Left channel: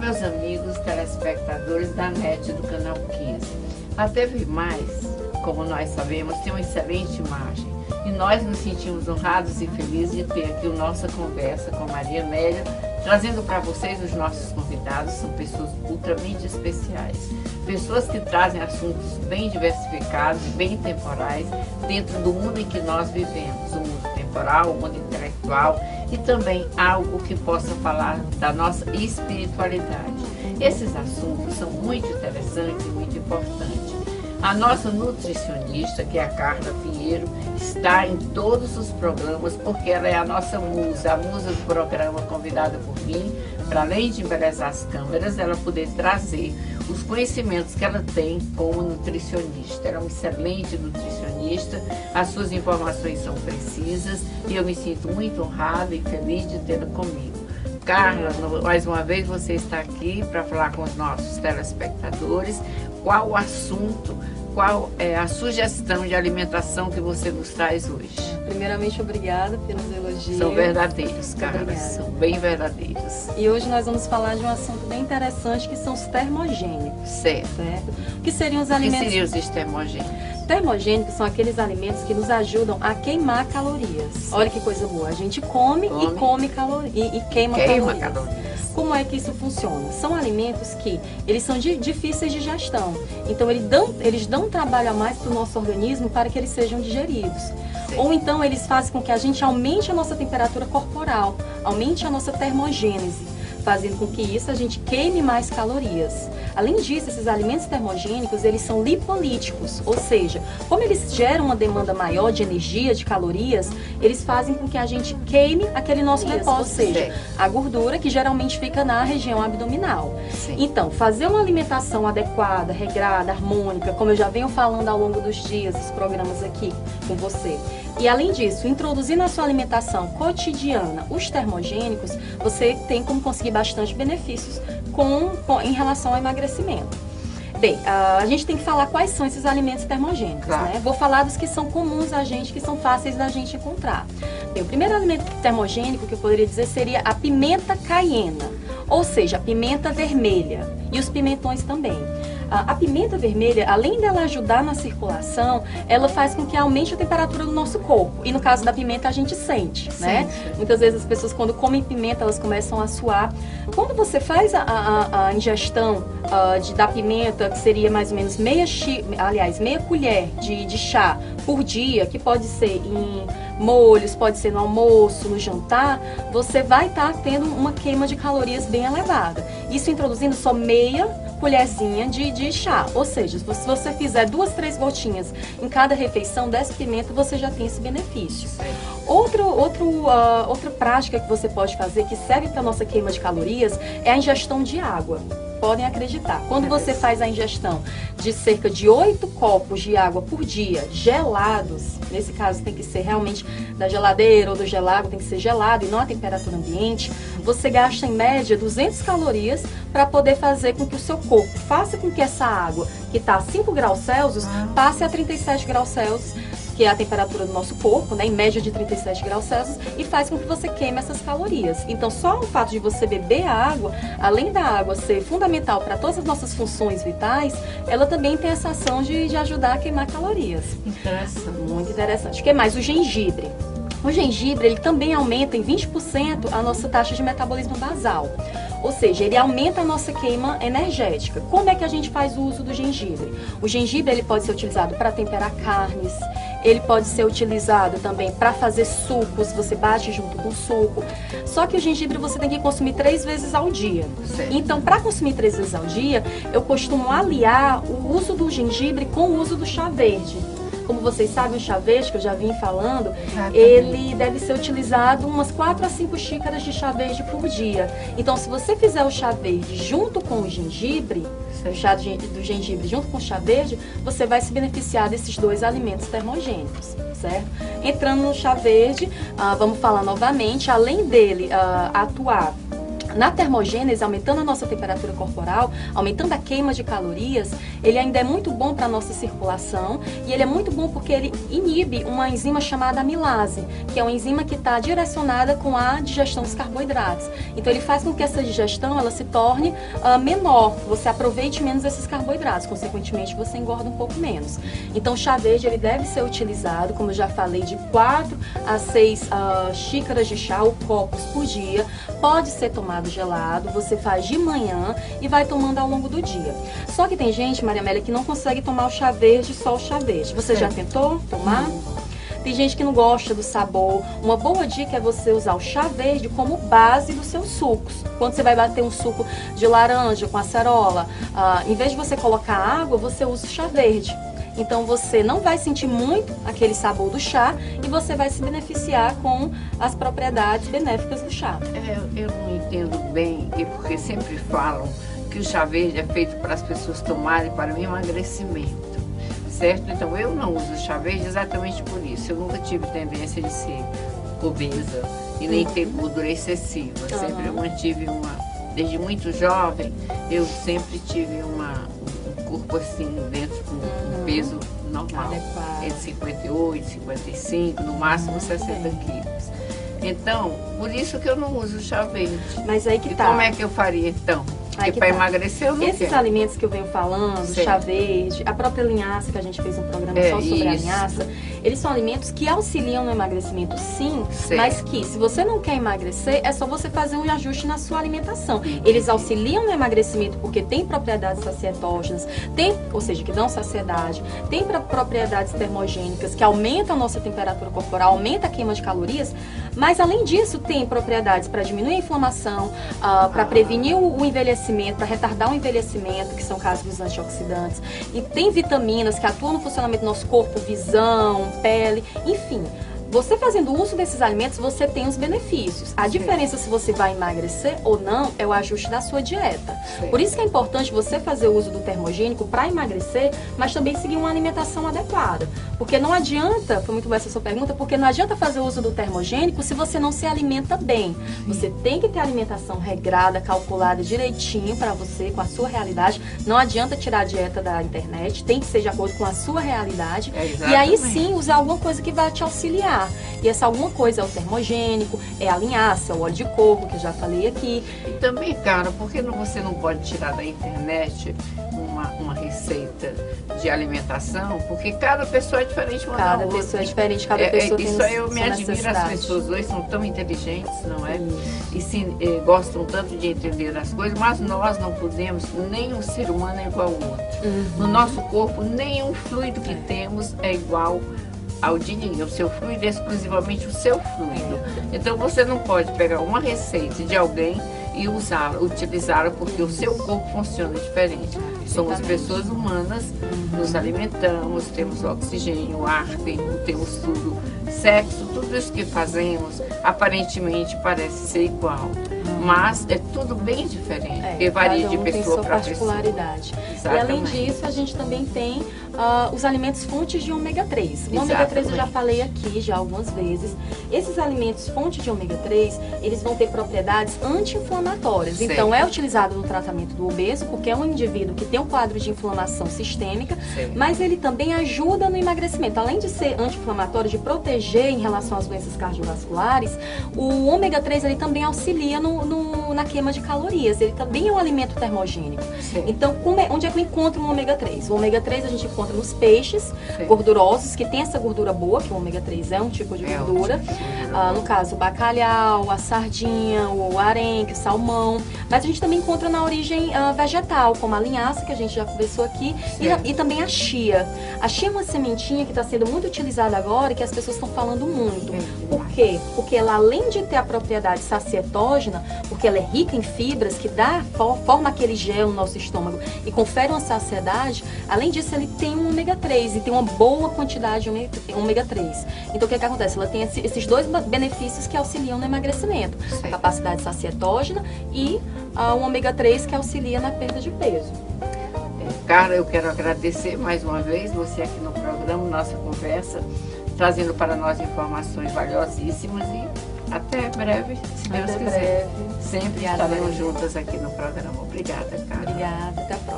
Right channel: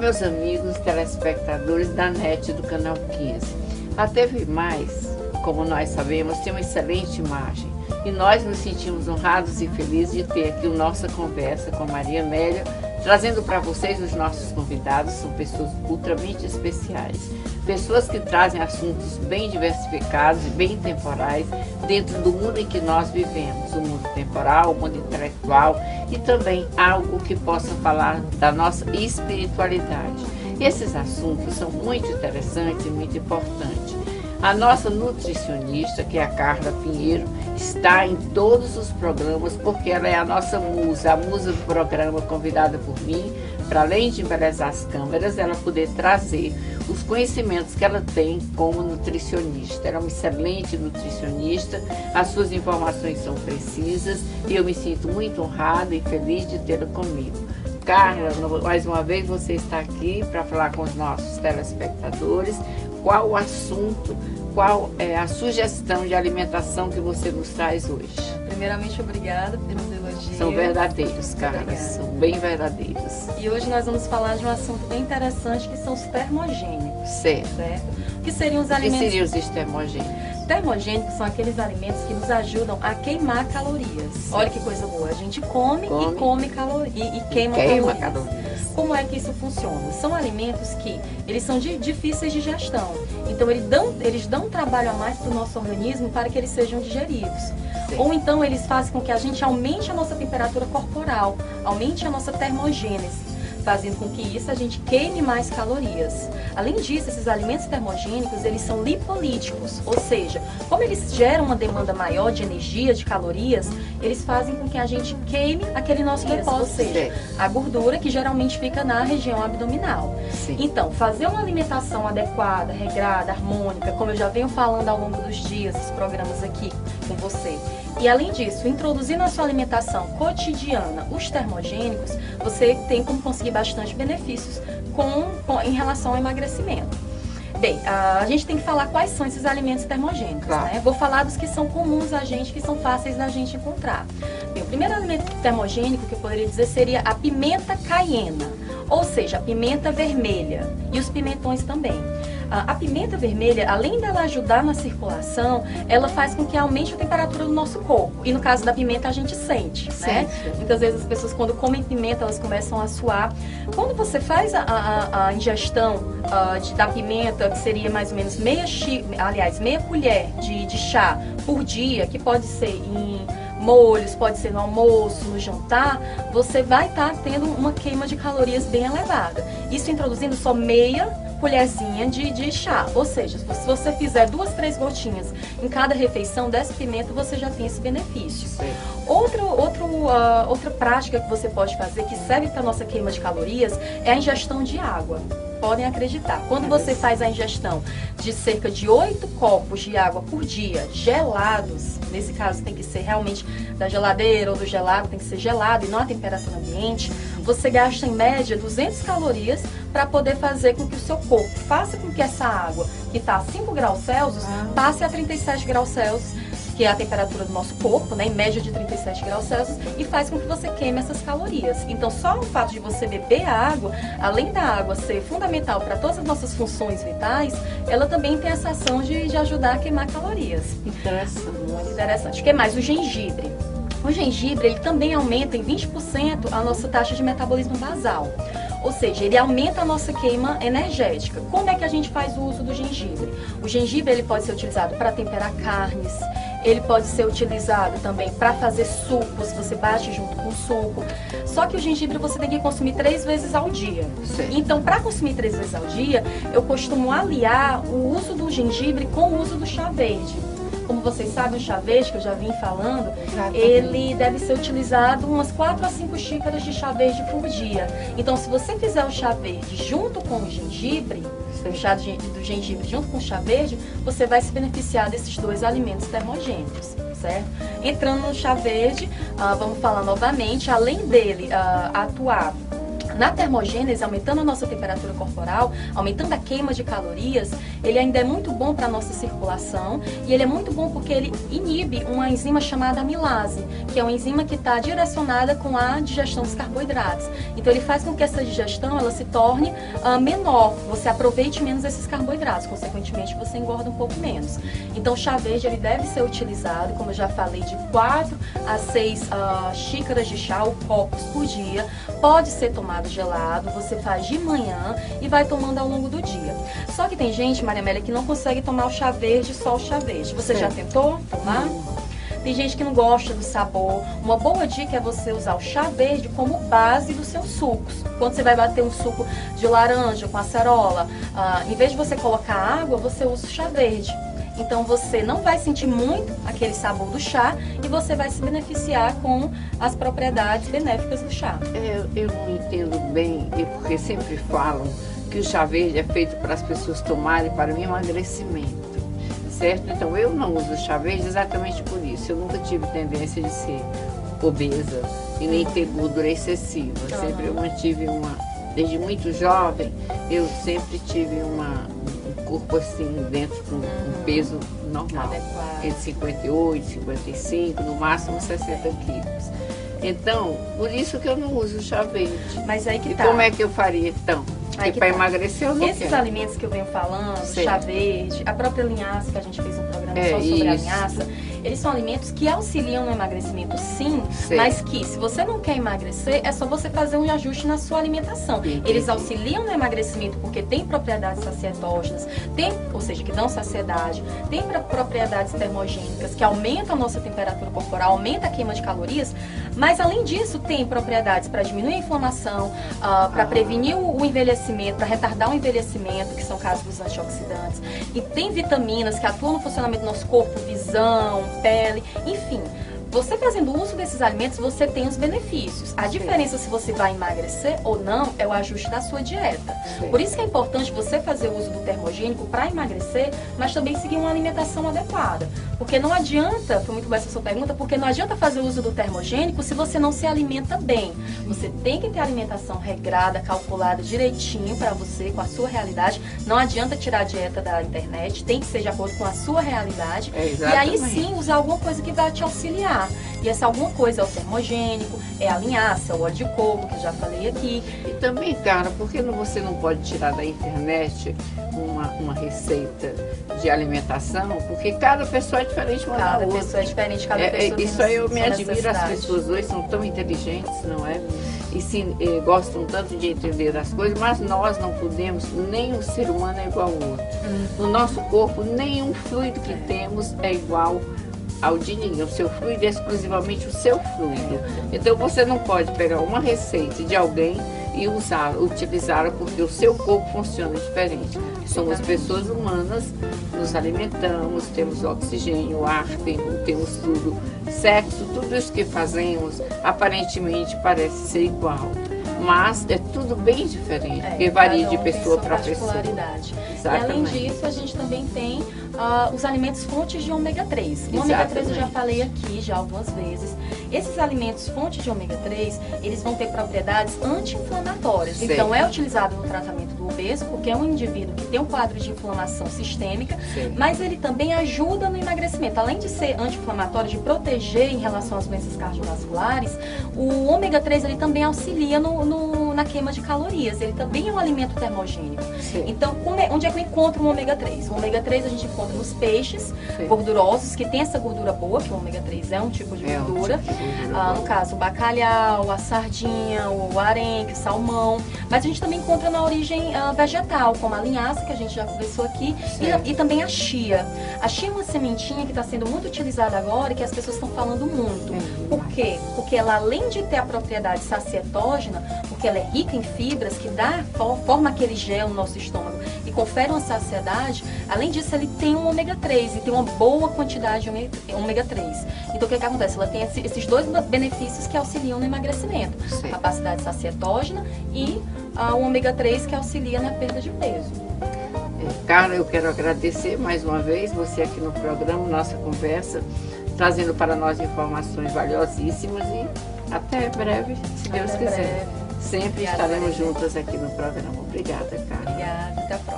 meus amigos telespectadores da NET do Canal 15. A TV Mais, como nós sabemos, tem uma excelente imagem e nós nos sentimos honrados e felizes de ter aqui a nossa conversa com Maria Amélia, trazendo para vocês os nossos convidados. São pessoas ultramente especiais, pessoas que trazem assuntos bem diversificados e bem temporais dentro do mundo em que nós vivemos, o mundo temporal, o mundo intelectual e também algo que possa falar da nossa espiritualidade. Esses assuntos são muito interessantes e muito importantes. A nossa nutricionista, que é a Carla Pinheiro, está em todos os programas porque ela é a nossa musa, a musa do programa, convidada por mim, para além de embelezar as câmeras, ela poder trazer os conhecimentos que ela tem como nutricionista. Ela é uma excelente nutricionista, as suas informações são precisas e eu me sinto muito honrada e feliz de tê-la comigo. Carla, mais uma vez você está aqui para falar com os nossos telespectadores. Qual o assunto, qual é a sugestão de alimentação que você nos traz hoje? Primeiramente, obrigada pelos elogios. São verdadeiros, Carla, são bem verdadeiros. E hoje nós vamos falar de um assunto bem interessante, que são os termogênicos. Certo. O que seriam os alimentos? O que seriam os termogênicos? Termogênicos são aqueles alimentos que nos ajudam a queimar calorias. Certo. Olha que coisa boa. A gente come e come calorias e queima calorias. Como é que isso funciona? São alimentos que eles são difíceis de digestão. Então eles dão trabalho a mais para o nosso organismo para que eles sejam digeridos. Sim. Ou então eles fazem com que a gente aumente a nossa temperatura corporal, aumente a nossa termogênese, fazendo com que isso a gente queime mais calorias. Além disso, esses alimentos termogênicos, eles são lipolíticos, ou seja, como eles geram uma demanda maior de energia, de calorias, eles fazem com que a gente queime aquele nosso depósito, ou seja, a gordura que geralmente fica na região abdominal. Sim. Então, fazer uma alimentação adequada, regrada, harmônica, como eu já venho falando ao longo dos dias, dos programas aqui com você. E além disso, introduzir na sua alimentação cotidiana os termogênicos, você tem como conseguir bastante benefícios em relação ao emagrecimento. Bem, a gente tem que falar quais são esses alimentos termogênicos, claro, né? Vou falar dos que são comuns a gente, que são fáceis da gente encontrar. Bem, o primeiro alimento termogênico que eu poderia dizer seria a pimenta caiena, ou seja, a pimenta vermelha e os pimentões também. A pimenta vermelha, além dela ajudar na circulação, ela faz com que aumente a temperatura do nosso corpo. E no caso da pimenta, a gente sente, né? Muitas vezes as pessoas, quando comem pimenta, elas começam a suar. Quando você faz a ingestão da pimenta, que seria mais ou menos meia colher de chá por dia, que pode ser em molhos, pode ser no almoço, no jantar, você vai estar tendo uma queima de calorias bem elevada. Isso introduzindo só meia colherzinha de chá, ou seja, se você fizer 2, 3 gotinhas em cada refeição dessa pimenta, você já tem esse benefício. Outra prática que você pode fazer, que serve para a nossa queima de calorias, é a ingestão de água. Podem acreditar, quando você faz a ingestão de cerca de 8 copos de água por dia, gelados, nesse caso tem que ser realmente da geladeira ou do gelado, tem que ser gelado e não a temperatura ambiente, você gasta em média 200 calorias para poder fazer com que o seu corpo faça com que essa água, que está a 5 graus Celsius, passe a 37 graus Celsius, que é a temperatura do nosso corpo, né, em média de 37 graus Celsius, e faz com que você queime essas calorias. Então, só o fato de você beber a água, além da água ser fundamental para todas as nossas funções vitais, ela também tem essa ação de ajudar a queimar calorias. Interessante. Muito interessante. O que mais? O gengibre. O gengibre, ele também aumenta em 20% a nossa taxa de metabolismo basal. Ou seja, ele aumenta a nossa queima energética. Como é que a gente faz o uso do gengibre? O gengibre, ele pode ser utilizado para temperar carnes, ele pode ser utilizado também para fazer sucos, você bate junto com o suco. Só que o gengibre você tem que consumir 3 vezes ao dia. Sim. Então, para consumir 3 vezes ao dia, eu costumo aliar o uso do gengibre com o uso do chá verde. Como vocês sabem, o chá verde, que eu já vim falando, ele deve ser utilizado umas 4 a 5 xícaras de chá verde por dia. Então, se você fizer o chá verde junto com o gengibre, o chá do gengibre junto com o chá verde, você vai se beneficiar desses 2 alimentos termogênicos, certo? Entrando no chá verde, vamos falar novamente, além dele atuar Na termogênese, aumentando a nossa temperatura corporal, aumentando a queima de calorias, ele ainda é muito bom para a nossa circulação e ele é muito bom porque ele inibe uma enzima chamada amilase, que é uma enzima que está direcionada com a digestão dos carboidratos. Então ele faz com que essa digestão ela se torne menor, você aproveite menos esses carboidratos, consequentemente você engorda um pouco menos. Então o chá verde ele deve ser utilizado, como eu já falei, de 4 a 6 xícaras de chá ou copos por dia. Pode ser tomado gelado, você faz de manhã e vai tomando ao longo do dia. Só que tem gente, Maria Amélia, que não consegue tomar o chá verde, só o chá verde. Você já tentou tomar? Tem gente que não gosta do sabor. Uma boa dica é você usar o chá verde como base dos seus sucos. Quando você vai bater um suco de laranja com acerola, em vez de você colocar água, você usa o chá verde. Então você não vai sentir muito aquele sabor do chá e você vai se beneficiar com as propriedades benéficas do chá. Eu não entendo bem, e porque sempre falam que o chá verde é feito para as pessoas tomarem para o emagrecimento, certo? Então eu não uso chá verde exatamente por isso. Eu nunca tive tendência de ser obesa e nem ter gordura excessiva. Sempre eu mantive desde muito jovem, eu sempre tive um corpo assim, dentro com um peso normal, entre 58, 55, no máximo 60 quilos. Então, por isso que eu não uso chá verde. Mas aí que tá. E como é que eu faria então? Porque para emagrecer eu não quero. Esses alimentos que eu venho falando, chá verde, a própria linhaça, que a gente fez um programa só sobre a linhaça, eles são alimentos que auxiliam no emagrecimento sim, mas que se você não quer emagrecer, é só você fazer um ajuste na sua alimentação. Eles auxiliam no emagrecimento porque tem propriedades sacietógenas, ou seja, que dão saciedade, tem propriedades termogênicas que aumentam a nossa temperatura corporal, aumenta a queima de calorias, mas além disso tem propriedades para diminuir a inflamação, para prevenir o envelhecimento, para retardar o envelhecimento, que são casos dos antioxidantes. E tem vitaminas que atuam no funcionamento do nosso corpo, visão, pele, enfim. Você fazendo uso desses alimentos, você tem os benefícios. A diferença se você vai emagrecer ou não é o ajuste da sua dieta. Por isso que é importante você fazer o uso do termogênico para emagrecer, mas também seguir uma alimentação adequada. Porque não adianta, foi muito boa essa sua pergunta, porque não adianta fazer o uso do termogênico se você não se alimenta bem. Você tem que ter alimentação regrada, calculada direitinho para você, com a sua realidade. Não adianta tirar a dieta da internet, tem que ser de acordo com a sua realidade. E aí sim usar alguma coisa que vai te auxiliar. E essa alguma coisa é o termogênico, é a linhaça, o óleo de coco, que eu já falei aqui. E também, cara, por que você não pode tirar da internet uma receita de alimentação? Porque cada pessoa é diferente uma da outra. Cada pessoa é diferente, cada pessoa isso aí eu me admiro, as pessoas hoje são tão inteligentes, não é? E gostam tanto de entender as coisas, mas nós não podemos, nem o ser humano é igual ao outro. No nosso corpo, nenhum fluido que temos é igual ao de ninguém. O seu fluido é exclusivamente o seu fluido. Então você não pode pegar uma receita de alguém e utilizá-la porque o seu corpo funciona diferente. Somos pessoas humanas, nos alimentamos, temos oxigênio, ar, temos tudo, sexo, tudo isso que fazemos aparentemente parece ser igual. Mas é tudo bem diferente, porque varia de pessoa para pessoa. E além disso, a gente também tem os alimentos fontes de ômega 3. O ômega 3 eu já falei aqui já algumas vezes. Esses alimentos fontes de ômega 3, eles vão ter propriedades anti-inflamatórias. Então é utilizado no tratamento do obeso, porque é um indivíduo que tem um quadro de inflamação sistêmica, mas ele também ajuda no emagrecimento. Além de ser anti-inflamatório, de proteger em relação às doenças cardiovasculares, o ômega 3 ele também auxilia na queima de calorias. Ele também é um alimento termogênico. Então, onde é que eu encontro o ômega 3? O ômega 3 a gente encontra nos peixes gordurosos, que tem essa gordura boa, que o ômega 3 é um tipo de gordura. No caso, o bacalhau, a sardinha, o arenque, o salmão. Mas a gente também encontra na origem vegetal, como a linhaça, que a gente já conversou aqui, e também a chia. A chia é uma sementinha que está sendo muito utilizada agora e que as pessoas estão falando muito. Por quê? Porque ela, além de ter a propriedade sacietógena, porque ela é rica em fibras, que forma aquele gel no nosso estômago e confere uma saciedade, além disso ele tem um ômega 3 e tem uma boa quantidade de ômega 3. Então o que acontece? Ela tem esses dois benefícios que auxiliam no emagrecimento. A capacidade sacietógena e o ômega 3 que auxilia na perda de peso. Cara, eu quero agradecer mais uma vez você aqui no programa, nossa conversa, trazendo para nós informações valiosíssimas e até breve, se Deus quiser. Sempre estaremos juntas aqui no programa. Obrigada, Carla. Obrigada, até a próxima.